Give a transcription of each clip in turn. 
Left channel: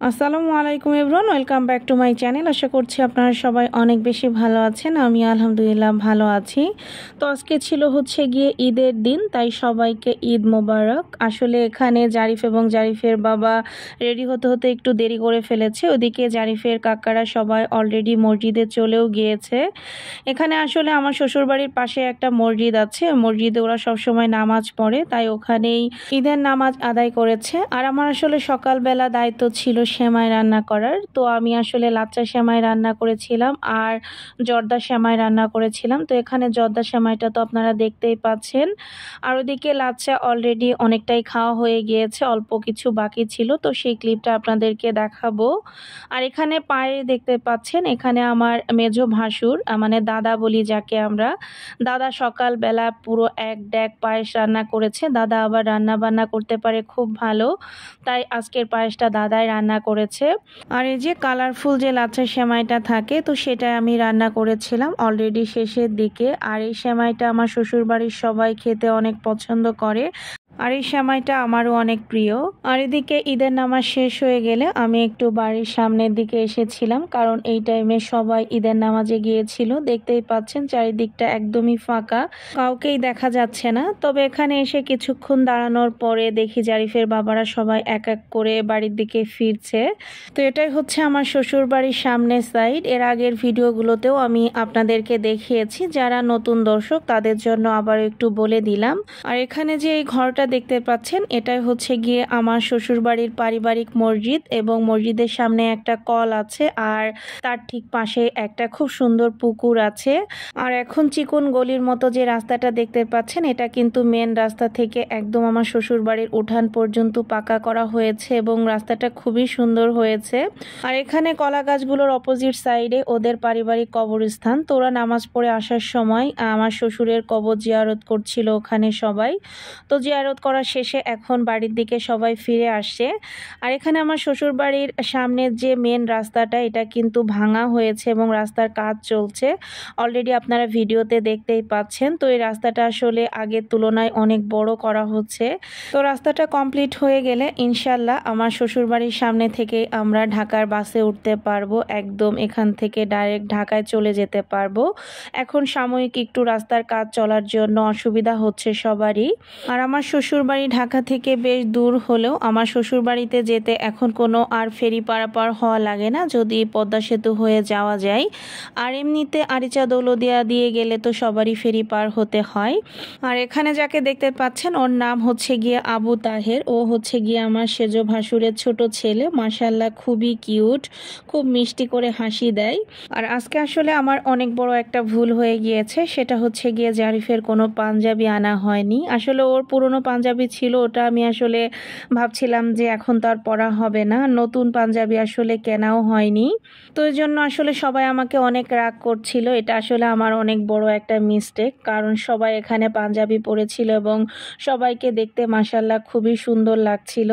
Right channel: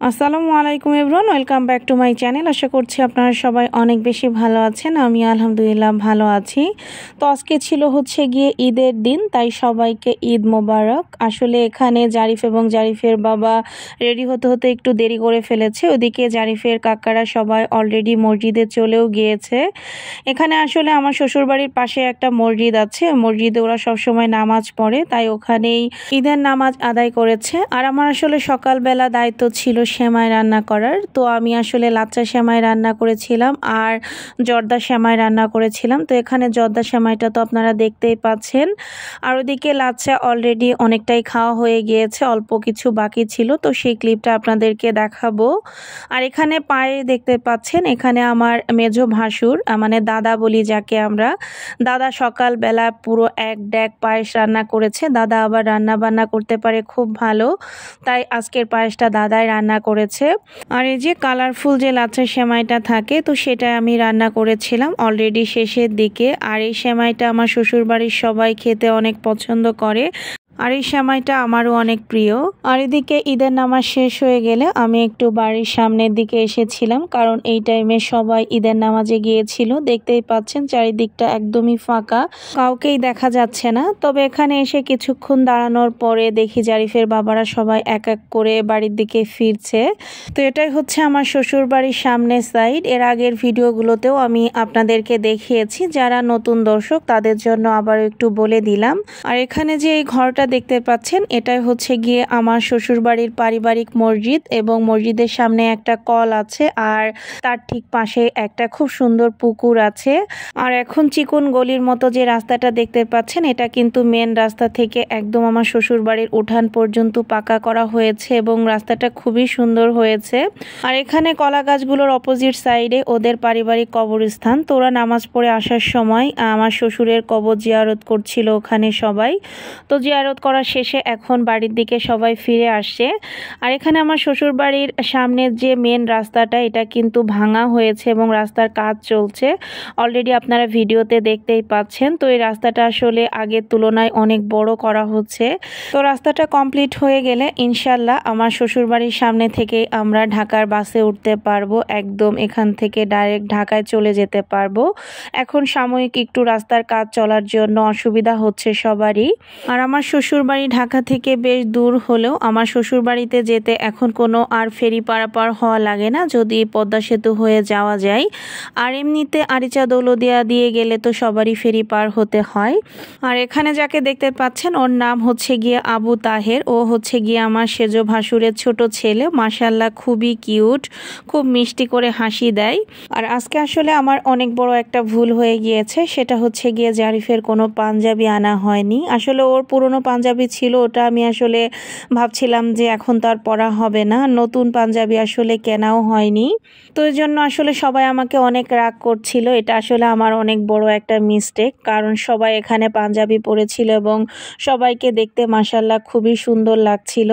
আসসালামু আলাইকুম everyone, welcome back to my channel. আশা করছি আপনারা সবাই অনেক বেশি ভালো আছেন। আমি আলহামদুলিল্লাহ ভালো আছি। তো আজকে ছিল গিয়ে ঈদের দিন, তাই সবাইকে ঈদ মোবারক। আসলে এখানে জারিফ এবং জারিফের বাবা রেডি হতে হতে একটু দেরি করে ফেলেছে। ওদিকে জারিফের কাকারা সবাই অলরেডি মসজিদে চলেও গিয়েছে। এখানে আসলে আমার শ্বশুরবাড়ির পাশে একটা মসজিদ আছে, মসজিদে ওরা সবসময় নামাজ পড়ে, তাই ওখানেই ঈদের নামাজ আদায় করেছে। আর আমার আসলে সকালবেলা দায়িত্ব ছিল সেমাই রান্না করার। তো আমি আসলে লাচ্চা সেমাই রান্না করেছিলাম আর জর্দা সেমাই রান্না করেছিলাম। তো এখানে জর্দা সেমাইটা তো আপনারা দেখতেই পাচ্ছেন, আর ওদিকে লাচ্চা অলরেডি অনেকটাই খাওয়া হয়ে গিয়েছে, অল্প কিছু বাকি ছিল, তো সেই ক্লিপটা আপনাদেরকে দেখাবো। আর এখানে পায়ে দেখতে পাচ্ছেন, এখানে আমার মেজো ভাসুর, মানে দাদা বলি যাকে আমরা, দাদা সকালবেলা পুরো এক ড্যাক পায়েস রান্না করেছে। দাদা আবার রান্না বান্না করতে পারে খুব ভালো, তাই আজকের পায়েসটা দাদাই রান্না করেছে। আর এই যে কালারফুল যে লাচ্ছা সেমাইটা থাকে, তো সেটা আমি রান্না করেছিলাম অলরেডি শেষের দিকে। আর এই সেমাইটা আমার শ্বশুরবাড়ির সবাই খেতে অনেক পছন্দ করে, আর এই সেমাইটা আমারও অনেক প্রিয়। আর এদিকে ঈদের নামাজ শেষ হয়ে গেলে আমি একটু বাড়ির সামনের দিকে এসেছিলাম, কারণ এই টাইমে সবাই ঈদের নামাজে গিয়েছিল। দেখতেই পাচ্ছেন চারিদিকটা একদমই ফাঁকা, কাউকেই দেখা যাচ্ছে না। তবে এখানে এসে কিছুক্ষণ দাঁড়ানোর পরে দেখি জারিফের বাবারা সবাই এক এক করে বাড়ির দিকে ফিরছে। তো এটাই হচ্ছে আমার শ্বশুর বাড়ির সামনের সাইড। এর আগের ভিডিওগুলোতেও আমি আপনাদেরকে দেখিয়েছি, যারা নতুন দর্শক তাদের জন্য আবার একটু বলে দিলাম। আর এখানে যে এই ঘরটা দেখতে পাচ্ছেন, এটাই হচ্ছে গিয়ে আমার শ্বশুরবাড়ির পারিবারিক মসজিদ, এবং মসজিদের সামনে একটা কল আছে, আর তার ঠিক পাশে একটা খুব সুন্দর পুকুর আছে। আর এখন চিকন গলির মতো যে রাস্তাটা দেখতে পাচ্ছেন, এটা কিন্তু মেন রাস্তা থেকে একদম আমার শ্বশুরবাড়ির উঠান পর্যন্ত পাকা করা হয়েছে, এবং রাস্তাটা খুবই সুন্দর হয়েছে। আর এখানে কলা গাছগুলোর অপোজিট সাইডে ওদের পারিবারিক কবরস্থান। তো ওরা নামাজ পড়ে আসার সময় আমার শ্বশুরের কবর জিয়ারত করছিল ওখানে সবাই। তো জিয়ারত করা শেষে এখন বাড়ির দিকে সবাই ফিরে আসছে। আর এখানে আমার শ্বশুর বাড়ির সামনের যে মেন রাস্তাটা, এটা কিন্তু ভাঙা হয়েছে এবং রাস্তার কাজ চলছে, অলরেডি আপনারা ভিডিওতে দেখতেই পাচ্ছেন। তো এই রাস্তাটা আসলে আগের তুলনায় অনেক বড় করা হচ্ছে। তো রাস্তাটা কমপ্লিট হয়ে গেলে ইনশাল্লাহ আমার শ্বশুর বাড়ির সামনে থেকে আমরা ঢাকার বাসে উঠতে পারবো, একদম এখান থেকে ডাইরেক্ট ঢাকায় চলে যেতে পারবো। এখন সাময়িক একটু রাস্তার কাজ চলার জন্য অসুবিধা হচ্ছে সবারই। আর আমার শ্বশুর বাড়ি ঢাকা থেকে বেশ দূর হলেও আমার শ্বশুর বাড়িতে যেতে এখন কোনো আর ফেরি পারাপার হওয়া লাগে না, যদি পদ্মা সেতু হয়ে যাওয়া যায়। আর এমনিতে আরিচা দৌলদিয়া দিয়ে গেলে তো সবারই ফেরি পার হতে হয়। আর এখানে যাকে দেখতে পাচ্ছেন, ওর নাম হচ্ছে গিয়ে আবু তাহের। ও হচ্ছে গিয়ে আমার সেজো ভাসুরের ছোট ছেলে। মাশাআল্লাহ খুবই কিউট, খুব মিষ্টি করে হাসি দেয়। আর আজকে আসলে আমার অনেক বড় একটা ভুল হয়ে গিয়েছে, সেটা হচ্ছে গিয়ে জারিফের কোনো পাঞ্জাবি আনা হয়নি। আসলে ওর পুরনো পাঞ্জাবি ছিল, ওটা আমি আসলে ভাবছিলাম যে এখন তো আর পরা হবে না, নতুন পাঞ্জাবি আসলে কেনাও হয়নি। তো এই জন্য আসলে সবাই আমাকে অনেক রাগ করছিল। এটা আসলে আমার অনেক বড় একটা মিস্টেক, কারণ সবাই এখানে পাঞ্জাবি পরেছিল এবং সবাইকে দেখতে মাশাআল্লাহ খুবই সুন্দর লাগছিল।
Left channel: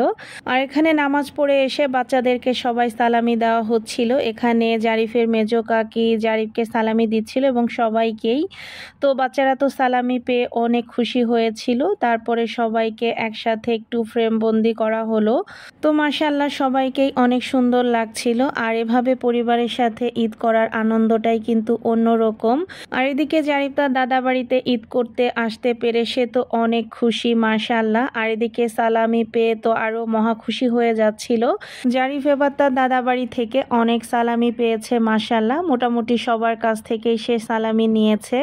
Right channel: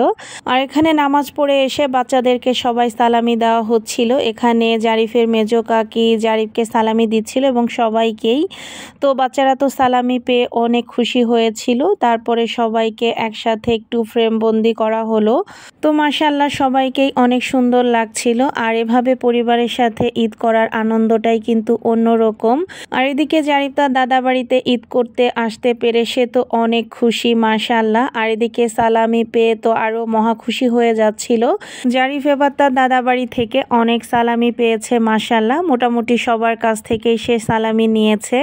আর এখানে নামাজ পড়ে এসে বাচ্চাদেরকে সবাই সালামি দেওয়া হচ্ছিল। এখানে জারিফের মেজো কাকি জারিফকে সালামি দিচ্ছিল এবং সবাইকেই। তো বাচ্চারা তো সালামি পেয়ে অনেক খুশি হয়েছিল। তারপরে সবাইকে একসাথে একটু ফ্রেম বন্দি করা হলো। তো মাশাআল্লাহ সবাইকেই অনেক সুন্দর লাগছিল। আর এভাবে পরিবারের সাথে ঈদ করার আনন্দটাই কিন্তু অন্যরকম। আর এদিকে জারিফ তার দাদা বাড়িতে ঈদ করতে আসতে পেরে সে তো অনেক খুশি মাশাআল্লাহ। আর এদিকে সালামি পেয়ে তো আরো মহা খুশি হয়ে যাচ্ছিল। জারিফ এবার তার দাদা বাড়ি থেকে অনেক সালামি পেয়েছে মাশাআল্লাহ, মোটামুটি সবার কাছ থেকেই সে সালামি নিয়েছে।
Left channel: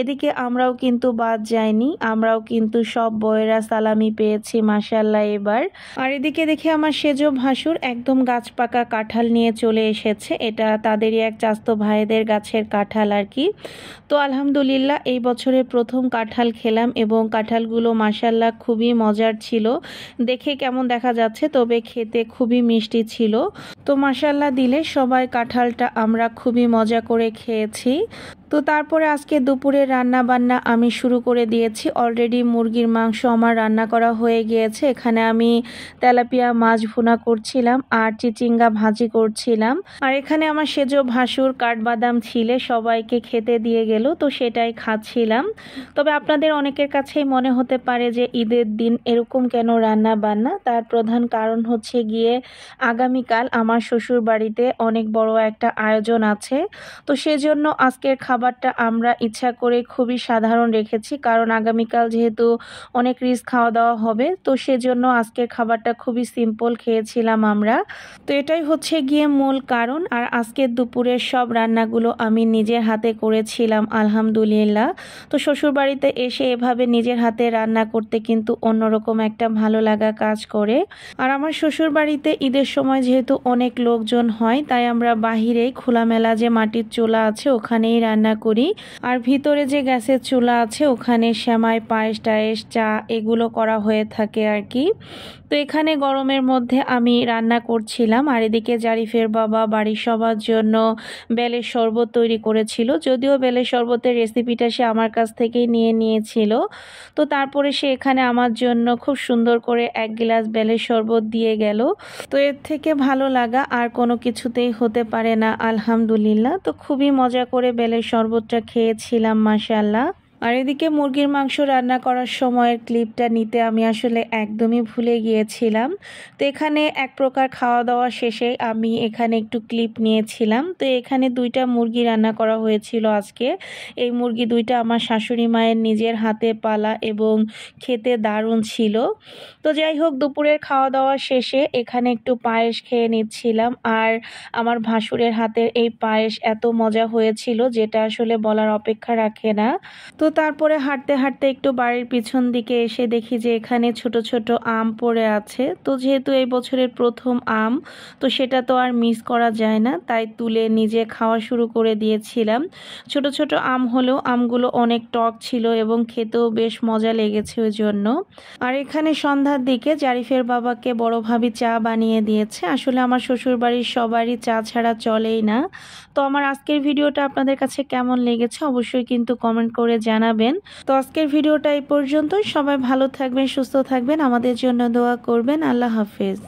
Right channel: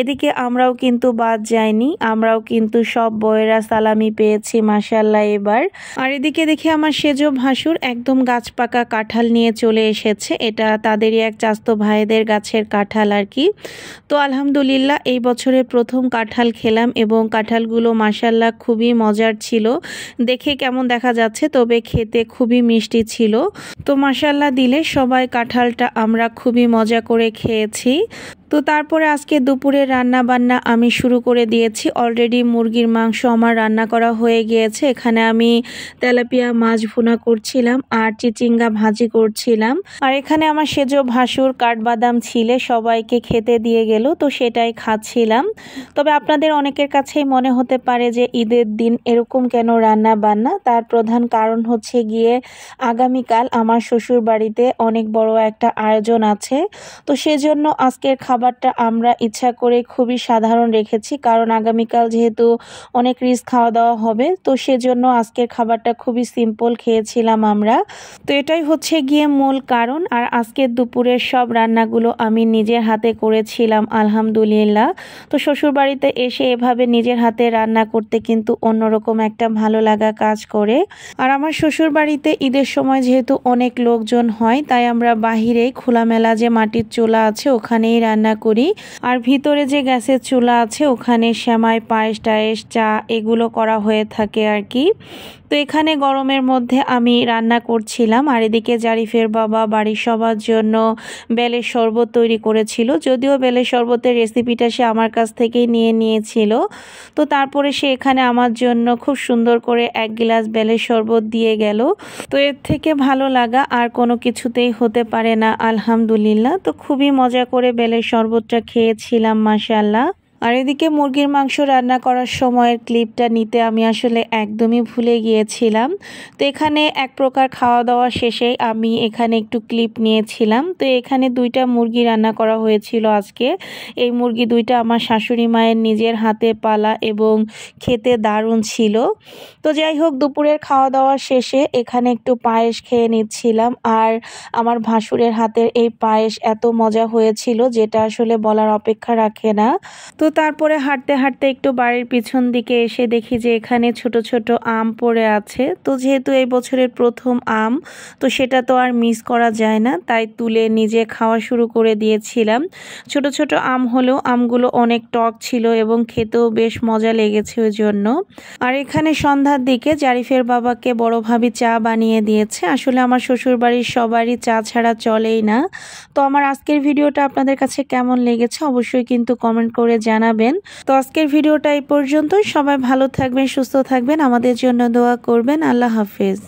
এদিকে আমরাও কিন্তু বাদ যাইনি, আমরাও কিন্তু সব বউয়েরা সালামি পেয়েছি মাশাআল্লাহ এবার। আর এদিকে দেখে আমার সেজো ভাসুর একদম গাছ পাকা কাঁঠাল নিয়ে চলে এসেছে। এটা তাদেরই এক চাস্তো ভাইদের গাছের কাঁঠাল আর কি। তো আলহামদুলিল্লাহ এই বছরে প্রথম কাঁঠাল খেলাম, এবং কাঁঠালগুলো মাশাআল্লাহ খুবই মজার ছিল। দেখে কেমন দেখা যাচ্ছে, তবে খেতে খুবই মিষ্টি ছিল। তো মাশাআল্লাহ দিলে সবাই কাঁঠালটা আমরা খুবই মজা করে খেয়েছি। তো তারপরে আজকে দুপুরে রান্না বান্না আমি শুরু করে দিয়েছি। অলরেডি মুরগির মাংস আমার রান্না করা হয়ে গিয়েছে। এখানে আমি তেলাপিয়া মাছ ভুনা করছিলাম আর চিচিঙ্গা ভাজি করছিলাম। আর এখানে আমার সেজো ভাসুর কাঠবাদাম ছিলে সবাইকে খেতে দিয়ে গেল, তো সেটাই খাচ্ছিলাম। তবে আপনাদের অনেকের কাছেই মনে হতে পারে যে ঈদের দিন এরকম কেন রান্না বান্না। তার প্রধান কারণ হচ্ছে গিয়ে আগামীকাল আমার শ্বশুর বাড়িতে অনেক বড় একটা আয়োজন আছে। তো সেজন্য আজকের খাবারটা আমরা ইচ্ছা করে খুবই সাধারণ রেখেছি, কারণ আগামীকাল যেহেতু অনেক রিচ খাওয়া দাওয়া হবে, তো সেজন্য আজকের খাবারটা খুবই সিম্পল খেয়েছিলাম আমরা। তো এটাই হচ্ছে গিয়ে মূল কারণ। আর আজকের দুপুরের সব রান্নাগুলো আমি নিজের হাতে করেছিলাম আলহামদুলিল্লাহ। তো শ্বশুরবাড়িতে এসে এভাবে নিজের হাতে রান্না করতে কিন্তু অন্যরকম একটা ভালো লাগা কাজ করে। আর আমার শ্বশুরবাড়িতে ঈদের সময় যেহেতু অনেক লোকজন হয়, তাই আমরা বাহিরেই খোলামেলা যে মাটির চুলা আছে ওখানেই রান্না করি। আর ভিতরে যে গ্যাসের চুলা আছে ওখানে সেমাই, পায়েস টায়েস, চা এগুলো করা হয়ে থাকে আর কি। তো এখানে গরমের মধ্যে আমি রান্না করছিলাম, আর এদিকে জারিফের বাবা বাড়ির সবার জন্য বেলের শরবত তৈরি করেছিল। যদিও বেলের শরবতের রেসিপিটা সে আমার কাছ থেকেই নিয়ে নিয়েছিল। তো তারপরে সে এখানে আমার জন্য খুব সুন্দর করে 1 গ্লাস বেলের শরবত দিয়ে গেল। তো এর থেকে ভালো লাগা আর কোনো কিছুতেই হতে পারে না আলহামদুলিল্লাহ। তো খুবই মজা করে বেলের শরবতটা খেয়েছিলাম মাশাআল্লাহ। আর এদিকে মুরগির মাংস রান্না করার সময়ের ক্লিপটা নিতে আমি আসলে একদমই ভুলে গিয়েছিলাম। তো এখানে এক প্রকার খাওয়া দাওয়া শেষে আমি এখানে একটু ক্লিপ নিয়েছিলাম। তো এখানে 2টা মুরগি রান্না করা হয়েছিল আজকে। এই মুরগি 2টা আমার শাশুড়ি মায়ের নিজের হাতে পালা এবং খেতে দারুণ ছিল। তো যাই হোক, দুপুরের খাওয়া দাওয়া শেষে এখানে একটু পায়েস খেয়ে নিচ্ছিলাম। আর আমার ভাসুরের হাতের এই পায়েস এত মজা হয়েছিল যেটা আসলে বলার অপেক্ষা রাখে না। তো তারপরে হাঁটতে হাঁটতে একটু বাড়ির পিছন দিকে এসে দেখি যে এখানে ছোট ছোট আম পড়ে আছে। তো যেহেতু এই বছরের প্রথম আম, তো সেটা তো আর মিস করা যায় না, তাই তুলে নিজে খাওয়া শুরু করে দিয়েছিলাম। ছোট ছোট আম হলেও আমগুলো অনেক টক ছিল এবং খেতেও বেশ মজা লেগেছে ওই জন্য। আর এখানে সন্ধ্যার দিকে জারিফের বাবাকে বড় ভাবি চা বানিয়ে দিয়েছে। আসলে আমার শ্বশুর বাড়ির সবারই চা ছাড়া চলেই না। তো আমার আজকের ভিডিওটা আপনাদের কাছে কেমন লেগেছে অবশ্যই কিন্তু কমেন্ট করে জানাবেন। তো আজকের ভিডিওটা এই পর্যন্ত। সবাই ভালো থাকবেন, সুস্থ থাকবেন, আমাদের জন্য দোয়া করবেন। আল্লাহ হাফেজ।